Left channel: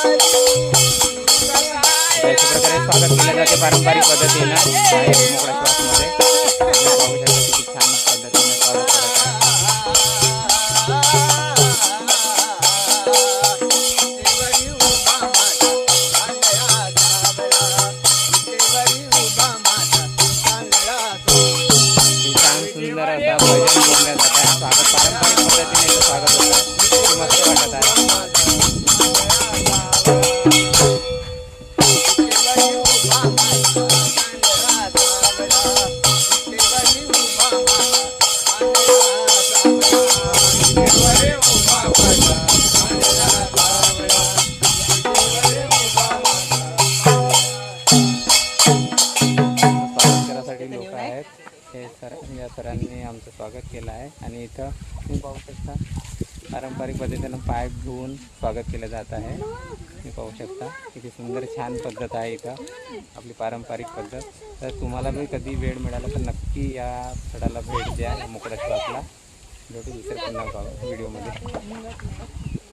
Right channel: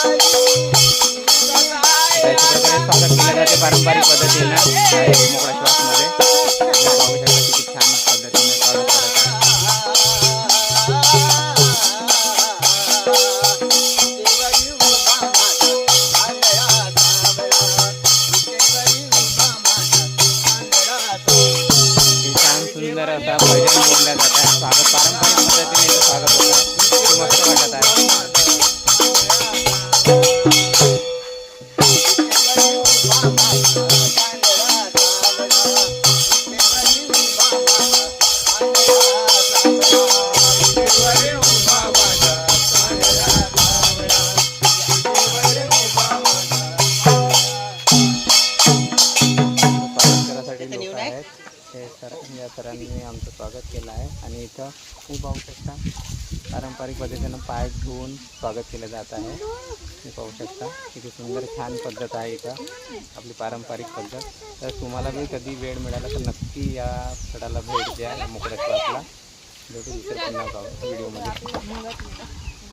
अशा प्रकारे स्वागत केलं जाते पारंपरिक पद्धतीनं एक मोकळा श्वासमध्ये. पाहू शकता किती छान पद्धतीने स्वागत करत आहे. छान सुंदर असा भजन बोलल्या जात आहे. स्वागत पारंपरिक पद्धतीने इथं स्वागत होत आहे. किती मस्त वाटत आहे. लोक आहेत हे या सरांनी आमचं स्वागत केलं आहे. आणि इथं तुम्ही पाहू शकता पारंपरिक पद्धतीनं पाय धुवून स्वागत केलं जात आहे. तुम्ही पाहू शकता किती सुंदर छान पद्धत आहे इथं आपली पारंपरिक पद्धत. तर तुम्हाला बी कधी वेळ मिळाला तर नक्की या स्थळाला भेट द्या, मोकळ्या श्वासला. भेटू दुसऱ्या पुन्हा व्हिडिओमध्ये.